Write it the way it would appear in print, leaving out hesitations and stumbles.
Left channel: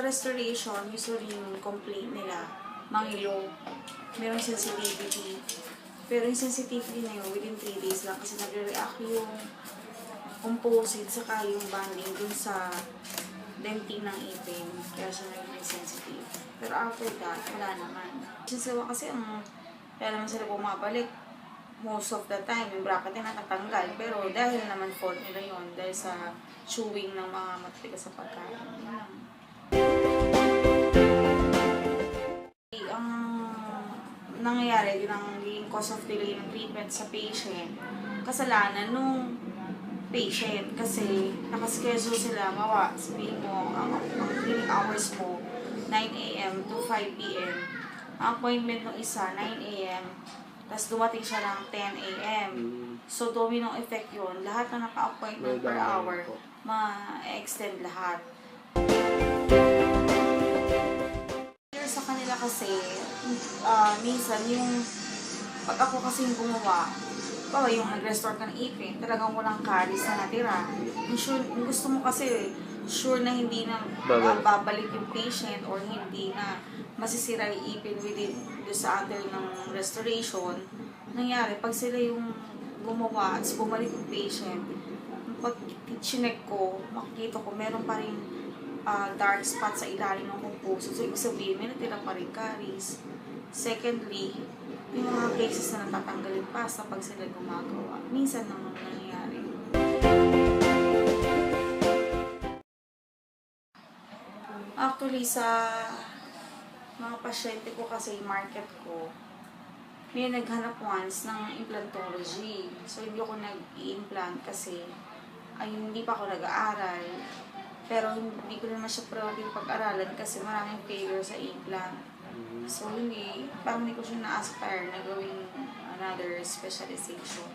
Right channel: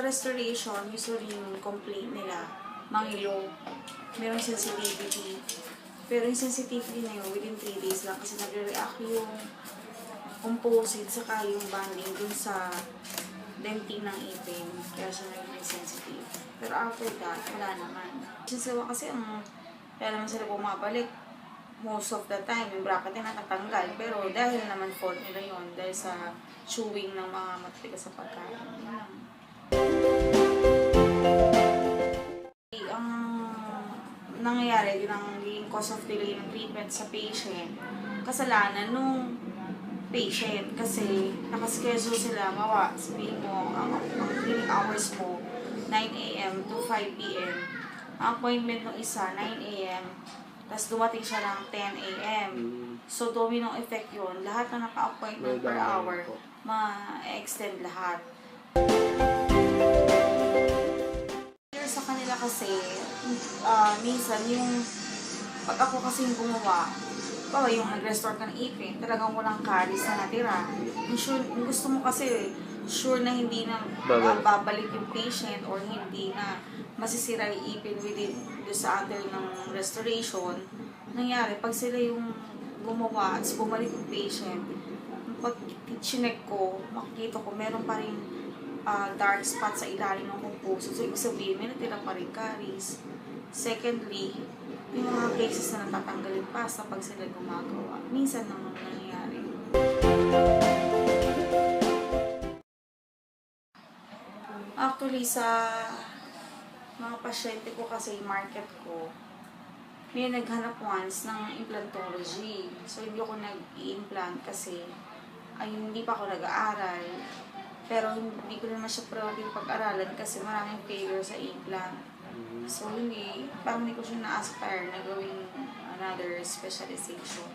Sa restoration, usually yung complaint nila, mangilo, merong sensitivity. Pero yung sensitivity na yun, within 3 days lang kasi nagre-react yung composite saka yung bonding dun sa dentin ng ipin. Kaya siya naging sensitive. Pero after that, wala naman. Sinsawa kasi kaya naman sila bumabalik. Most of the time, yung bracket ay natatanggal. Pero dahil naman fault nila yun, dahil sa chewing ng mga matitigas sa pagkain. Yun lang. Ang nangyayari, yun ang cause of delay ng treatment sa patient, kasalanan nung patient kasi nakaschedule sila, sabihin mo, ang clinic hours mo, 9 a.m. to 5 p.m. Ang appointment ng isa, 9 a.m. Tapos dumating siya ng 10 a.m. So, domino effect yun. Lahat na naka-appointment per hour, ma-extend lahat. Sa kanila kasi, minsan yung pag ako kasi yung gumawa, yung nag-restore ka ng ipin, talagang walang caries na natira. Yung gusto mo kasi, sure na hindi na babalik yung patient or hindi na masisira yung ipin within sa under ng restoration. Nangyari, pag sila yung gumawa at bumalik yung patient, pag chinek ko, makikita ko meron pa rin dark spot sa ilalim ng composite. So, ibig sabihin, may natira pa rin caries. Secondly, yung mga cases na natatanggalin pa sa pag sila gumagawa. Minsan naman nangyayari. Actually, sa mga pasyente ko kasi, market ko, may naghanap once ng implantology. So, hindi ako nag-i-implant kasi hindi pa ako nag-aaral. Pero hindi ko naman siya proud yung pag-aralan kasi maraming failure sa implant. So, parang hindi ko siya na-aspire na gawing another specialization.